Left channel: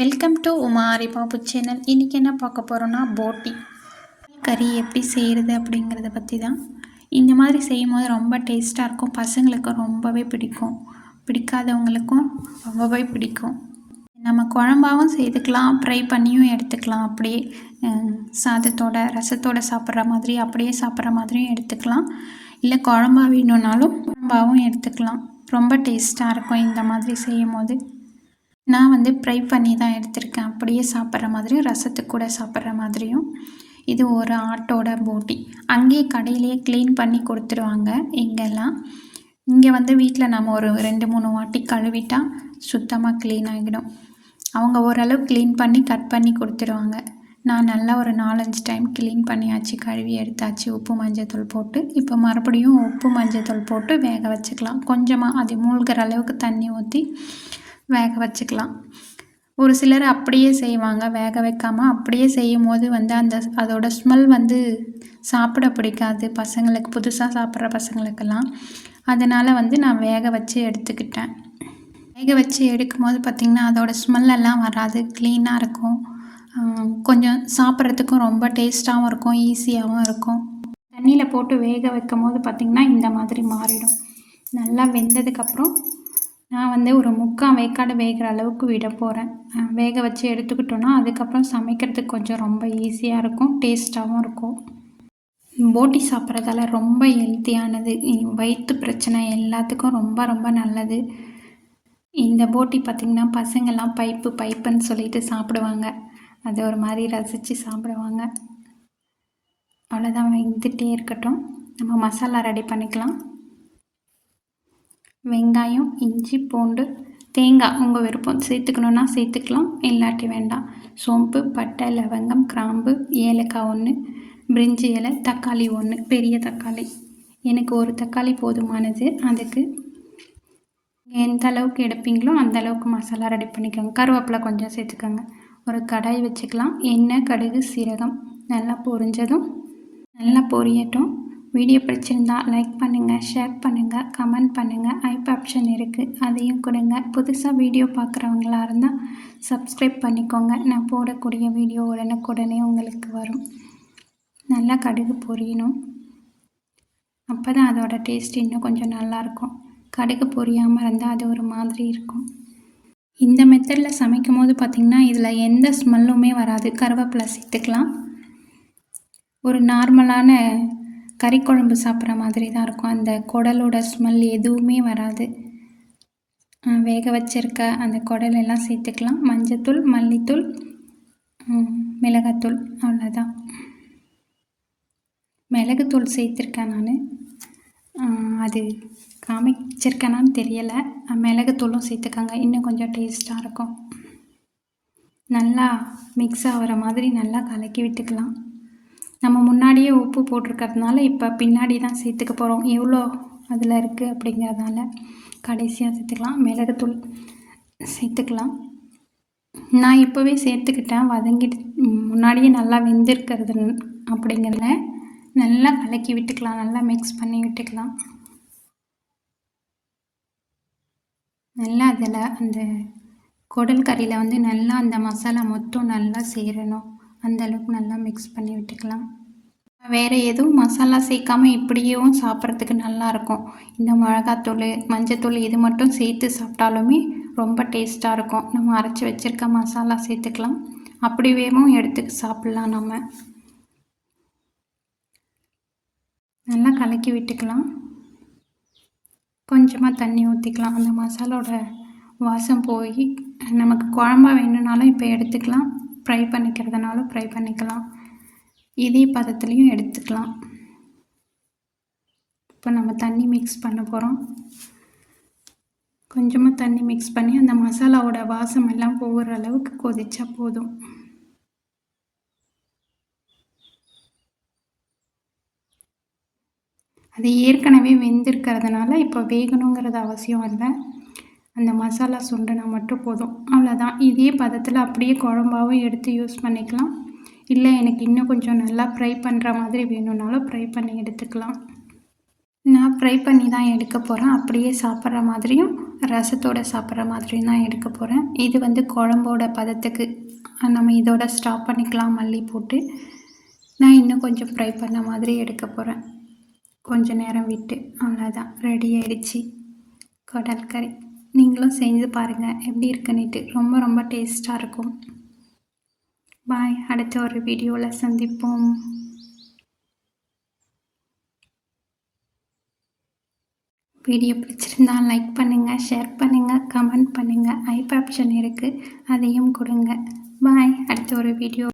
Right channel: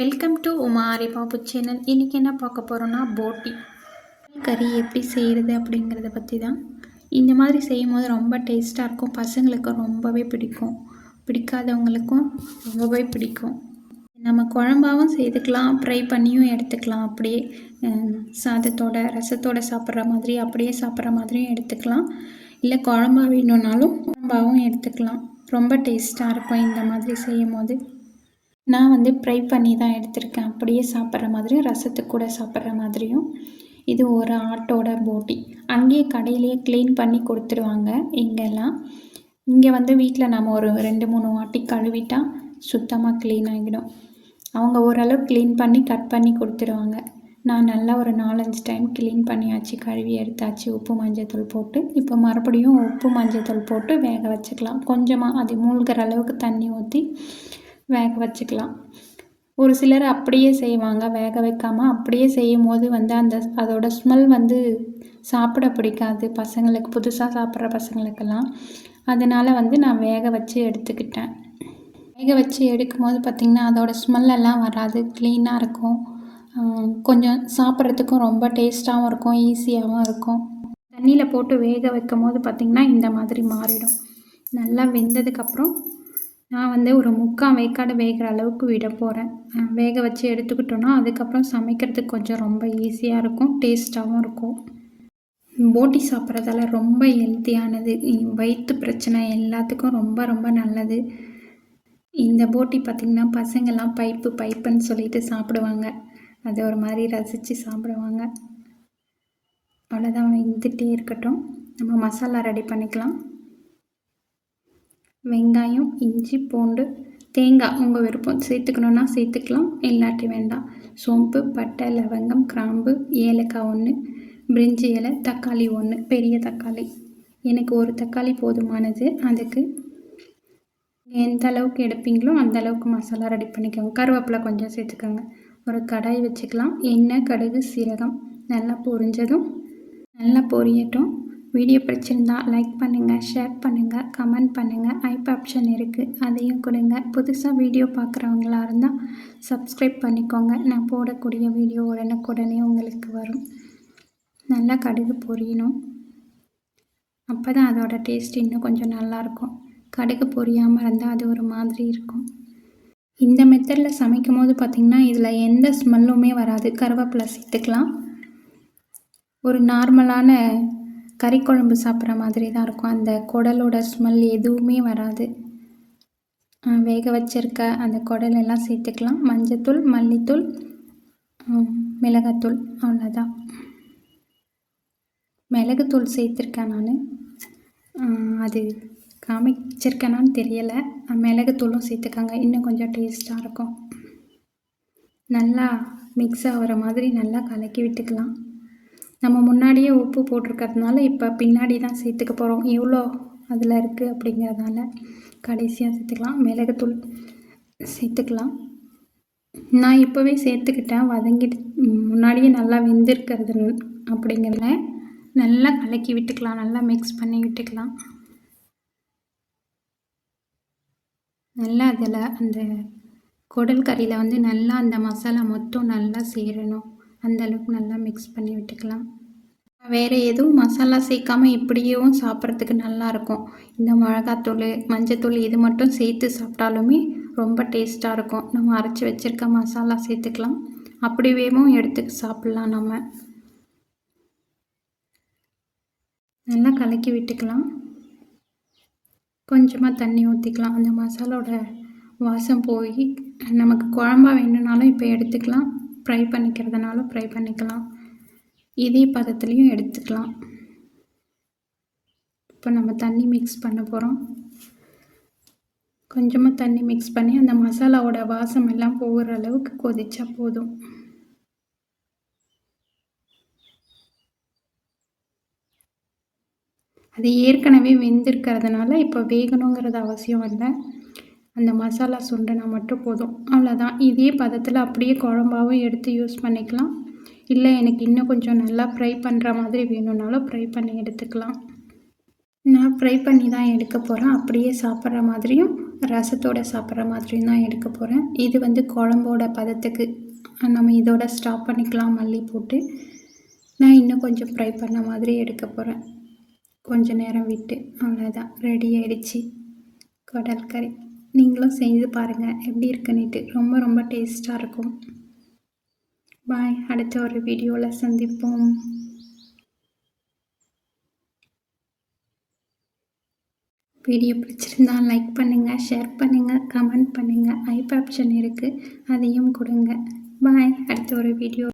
Welcome to உமாரி Babu channel. இன்றைக்கி என்ன பார்க்க போகிறோன்னா போட்டி கறி எப்படி செய்கிறது அப்படிங்கிறத பற்றி தான். இந்த மாதிரி செய்யும் போது ரொம்ப டேஸ்ட்டாக இருக்கும். பசங்களுக்கு ரொம்பவே பிடிக்கும், பிடிக்காதவங்களுக்கும் ரொம்பவே பிடிக்கும். நம்ம குழம்பாகவும் செய்துக்கலாம், ஃப்ரை பண்ணியும் எடுத்துக்கலாம். அப்படியே சாதத்தோட ரசத்தோடு சாப்பிட்ற மாதிரி அப்படியே சாப்பிட்ற மாதிரியும் எடுத்துக்கலாம். இல்லை குழம்பா வேணும்னாலும் குழம்பாகவும் எடுத்துக்கலாம். ரொம்ப டேஸ்ட்டாக இருக்கும் இந்த மாதிரி செய்யும் போது. நான் ஃப்ரை பண்ணி தான் எடுத்திருக்கேன். அப்படியே சாப்பிட்ற மாதிரியும் ரசத்துக்கு கூட சாப்பிட்ற மாதிரியும். இது ஒரு ஆட்டோட போட்டி. அங்கேயே கடையிலேயே க்ளீன் பண்ணி கொடுத்துருவாங்க. இங்கெல்லாம் இங்கே வீட்டில் நம்ம ஒரு 2-3 வாட்டி கழுவிட்டால் சுத்தமாக க்ளீன் ஆகிடும். அவங்க ஓரளவு க்ளீன் பண்ணி கட் பண்ணி கொடுத்துருவாங்க. நான் நல்லா ஒரு 4-5 டைம் க்ளீன் பண்ணியாச்சு, கழுவி எடுத்தாச்சு, உப்பு மஞ்சத்தூள் போட்டு. இப்போ மறுபடியும் உப்பு மஞ்சத்தூள் போட்டு வேக வச்சுக்கலாம். கொஞ்சமாக அது மூழ்கிற அளவுக்கு தண்ணி ஊற்றி வேக வச்சுக்கலாம். ஒரு சிலர் அப்படியே செய்வாங்க, வேக வைக்காமல். அப்படியே செய்யும் போது அதோட ஸ்மெல் சாப்பிட பிடிக்காது பசங்களுக்கு, புதுசாக சாப்பிட்ற பசங்களுக்கெல்லாம். அதனால் நான் வேக வச்சு எடுத்துக்கிட்டேன். வேக வச்சு எடுக்கும் போது பார்த்திங்கன்னா அதோட ஸ்மெல்லெல்லாம் வராது, க்ளீனாக இருக்கும். கொஞ்சம் சாப்பிட்றதுக்கும் ரொம்ப டேஸ்ட்டாகவும் இருக்கும், ஈஸியாகவும் இருக்கும். தண்ணியில் போட்டு வேக வைக்கும் போது பார்த்திங்கன்னா இந்த மாதிரி மாறிடும். நல்லா வெந்ததுக்கப்புறம் நான் ஒரு 3/4 வேக்காடு வேகிற அளவுக்கு விட போகிறேன். வேக வச்சு எடுத்துக்கிட்டோன்னா அதுக்கப்புறம் சமைக்கிறதுக்கு கொஞ்சம் ரொம்ப ஈஸியாக இருக்கும், டேஸ்ட்டாகவும் இருக்கும். போட்டி சாப்பிட்றதால ரொம்ப ஹெல்த்தியானது, வயிற்று பிரச்சனை எல்லாத்துக்கும் ரொம்ப ரொம்ப நல்லது. இந்த போட்டி பார்த்திங்கன்னா பசங்கள்லாம் பைப்புன்னு சொல்லிட்டு சாப்பிடுவாங்க. அது ஒரு மாதிரி ரசித்து சாப்பிடுவாங்க. அவ்வளோதான், வெந்துட்டே இருக்கட்டும். நம்ம மசாலா ரெடி பண்ணிக்கலாம். வெங்காயம், இஞ்சி, பூண்டு, தேங்காய் உங்கள் விருப்பம், சேர்த்துக்கணுன்னா சேர்த்துக்கலாம், இல்லாட்டி வேண்டாம். சோம்பு, பட்டை, லவங்கம், கிராம்பு, ஏலக்காய் 1, பிரிஞ்சி இலை, தக்காளி 1, பெரிய தக்காளி. எனக்கு ஒரு தக்காளி போதுமானது. அதுக்கு எந்த அளவுக்கு எடுப்பீங்களோ அந்த அளவுக்கு மசாலா ரெடி பண்ணிக்கோங்க. கருவேப்பிலை கொஞ்சம் சேர்த்துக்கோங்க. ஒரு கடாய் வச்சுக்கலாம். எண்ணெய், கடுகு, சீரகம் நல்லா பொரிஞ்சதும் நல்லா பொரியட்டும். வீடியோ பிடிச்சிருந்தா லைக் பண்ணுங்கள், ஷேர் பண்ணுங்கள், கமெண்ட் பண்ணுங்கள். ஐப் ஆப்ஷன் இருக்குது, அதையும் கொடுங்க. புதுசாக வீடியோ பார்க்குறவங்களா இருந்தால் சப்ஸ்கிரைப் பண்ணிக்கோங்க. நான் போடக்கூடிய வீடியோ உடனுக்குடனே உங்களுக்கு வரும். நல்லா கடுகு பொரியணும், அப்போ தான் அதோட டேஸ்ட் இன்னும் கொஞ்சம் நல்லாயிருக்கும். கடுகு பொரியாமல் இருந்தால் அது ஒரு மாதிரி இருக்கும். இந்த மெத்தடில் சமைக்கும் போது பார்த்திங்கன்னா இதில் எந்த ஸ்மெல்லுமே வராது. கருவேப்பிலை சேர்த்துக்கலாம். ஒரு நார்மலான கறி குழம்பு சாப்பிட்ற மாதிரி தான் இருக்கும். அந்த குடலோட ஸ்மெல் எதுவுமே வராது. வேக வச்சிருக்க அந்த குடலெல்லாம் சேர்த்துக்கலாம். மஞ்சத்தூள், மல்லித்தூள், மிளகாத்தூள், அவ்வளோதான். மிளகுத்தூள் சேர்த்துருக்கேன் நான். அது காமிச்சிருக்கேனான்னு தெரியலை. மிளகுத்தூளும் சேர்த்துக்காங்க, இன்னும் கொஞ்சம் டேஸ்ட்டாக இருக்கும். நல்லா மிக்ஸ் ஆகிற மாதிரி நல்லா கலக்கி விட்டுக்கலாம். நம்ம முன்னாடியே உப்பு போட்டிருக்கிறதுனால இப்போ பின்னாடி தான் சேர்த்துக்க போகிறோம். எவ்வளோ அதில் இருக்குது அப்படிங்கிறதுனால கடைசியாக சேர்த்துக்கலாம். மிளகுத்தூள் சேர்த்துக்கலாம். நான் இப்போவே சேர்த்துக்கிட்டேன், வதங்கிட்டு முன்னாடியே நல்லா வெந்திருக்கிறது அப்படிங்கிறத நல்லா கலக்கி விட்டுக்கலாம், நல்லா மிக்ஸ் பண்ணி விட்டுக்கலாம். நல்லா அதில் அந்த குடல் கறியில் நல்லா அந்த மசாலா மொத்தம் நல்லா சேரணும். அந்தளவுக்கு நல்லா மிக்ஸ் பண்ணி விட்டுக்கலாம். வேறு எதுவும் மசாலா சேர்க்காமல் இப்படியேவும் சாப்பிட்றதுக்கு நல்லாயிருக்கும். இந்த மிளகாத்தூள், மஞ்சத்தூள் இது மட்டும் சேர்த்து சாப்பிட்டாலுமே ரொம்ப டேஸ்ட்டாக இருக்கும். நம்ம அரைச்சி வச்சுருக்க மசாலா சேர்த்துக்கலாம், அப்படியேவும் எடுத்து சாப்பிட்லாம். நம்ம நல்லா கலக்கி விட்டுக்கலாம். கொஞ்சமாக தண்ணி ஊற்றிக்கலாம். அந்த மசாலோட வாசம் போய் நமக்கு குழம்பா வேணும்னாலும் இப்போ எடுத்துக்கலாம், ஃப்ரை பண்ணிக்கிறதுனாலும் ஃப்ரை பண்ணிக்கலாம். இதே பதத்துலேயும் எடுத்துக்கலாம். இப்போ நம்ம தண்ணி மிக்ஸ் பண்ண போகிறோம். கொஞ்சமாக தண்ணி மிக்ஸ் பண்ணி அந்த மசாலாவோட வாசம் எல்லாம் போகிற அளவுக்கு கொதிச்சா போதும். அது ஏற்கனவே வெந்திருக்கிறதுனால இப்போ வேகணுங்கிறது அவசியம் இல்லை. அந்த மசாலா சுண்டுனா மட்டும் போதும், அவ்வளோதான். இதே பதத்தில் அப்படியே குழம்பாவும் எடுத்து யூஸ் பண்ணிக்கலாம். இல்லை எனக்கு இன்னும் கொஞ்சம் நல்லா ஃப்ரை பண்ணுற மாதிரி வேணும்னாலும் ஃப்ரை பண்ணி எடுத்துக்கலாம். நான் ஃப்ரை பண்ணி தான் எடுக்க போகிறேன். அப்படியே சாப்பிட்ற மாதிரியும் ரசத்தோடு சாப்பிட்ற மாதிரி தான் எடுக்க போகிறேன். இது வந்து குழம்போட பதத்துக்கு நம்ம இதோட ஸ்டாப் பண்ணிக்கலாம். மல்லி போட்டு நான் இன்னும் கொஞ்சம் ஃப்ரை பண்ண மாதிரி எடுக்க போகிறேன். கொஞ்சம் நேரம் விட்டு அவ்வளோதான், ரெடி ஆகிடுச்சு குடல் கறி. நீங்களும் செஞ்சு பாருங்கள் எப்படி இருக்குன்னுட்டு. ரொம்ப ரொம்ப டேஸ்ட்டாக இருக்கும். பாய், அடுத்த ஒரு வீடியோவில் சந்திப்போம். வீடியோ பிடிச்சிருந்தா லைக் பண்ணுங்கள், ஷேர் பண்ணுங்கள், கமெண்ட் பண்ணுங்கள். ஐப் ஆப்ஷன் இருக்குது, அதையும் கொடுங்க. பாய், அடுத்த ஒரு வீடியோ.